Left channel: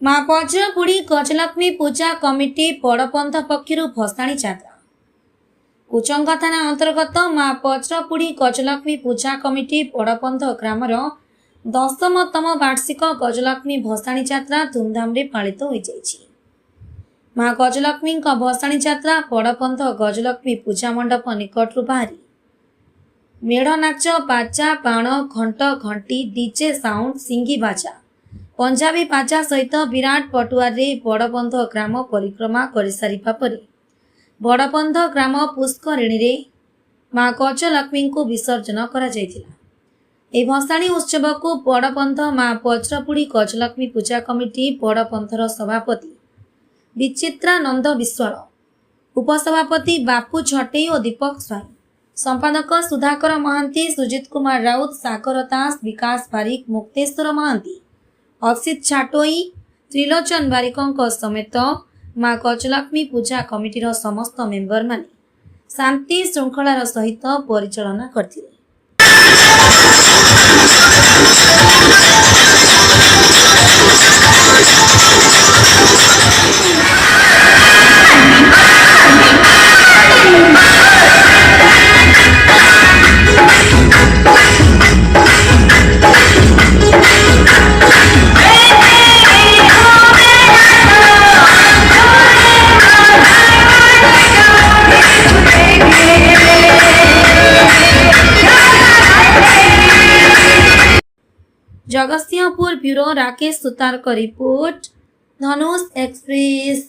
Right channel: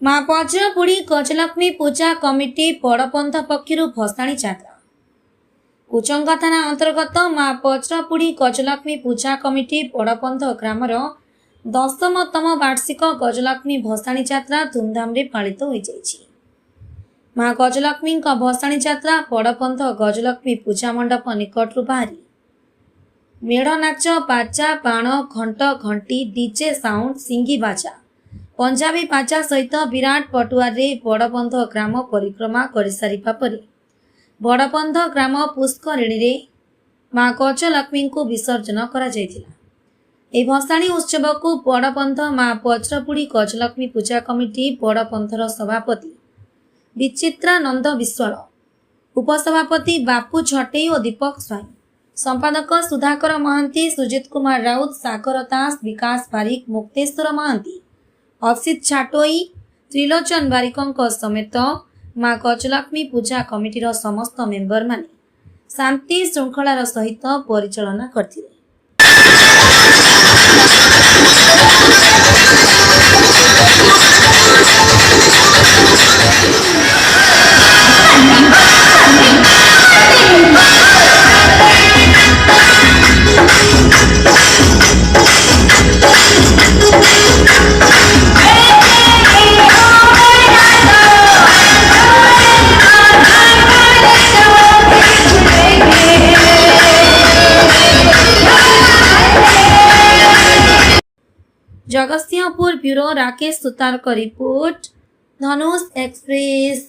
माँ पचरपुड़ी गजलक्ष्मी पूजा कमिटी बड़पंथ पक्षर भसाणी यात्रा। कुचंगा थाना अंतर्गत माँ पचरपुड़ी गजलक्ष्मी पूजा कमिटी बड़पंथ ग्रामर 10तम वार्षिक गजलक्ष्मी भसाणी यात्रा धूमधाम रे पालित हो जाइछि। माँ गजलक्ष्मी भसाणी यात्रा बड़पंथ गजलक्ष्मी पूजा मंडप निकटरू बाहरी मेढ़ नाच बाजा बाण घंट घंटी डीजे साउंड सिंगी बाजा पंजाबी बाजा सहित विराट पटुआर रे बड़पंथ ग्राम परिक्रमा कर सारिबा परे बड़पंथ ग्राम पुष्करिणी रे माँ गजलक्ष्मी को विसर्जन करा जायतिला। ए भसाणी उत्सव को बड़पंथ माँ पचरपुड़ी गजलक्ष्मी पूजा कमिटी बड़पंथर सभापति विचित्रानंद विश्वाल, उपसभापति बापू छटेई और दीपक स्वाई, संपादक सुधाकर महांती, सुजित कुमार राउत, सागर दास, विकास बारिक, मुक्तेश्वर महांती, अक्षित छाटोई, त्रिलोचन बारिकों समेत माँ गजलक्ष्मी पूजा कमिटीर समस्त मेंबर माने शांति श्रृंखलार सहित परिचालना करथिले। जगतसिंहपुर ब्यूरो राकेश सुतार का रिपोर्ट, धनुष एक्सप्रेस।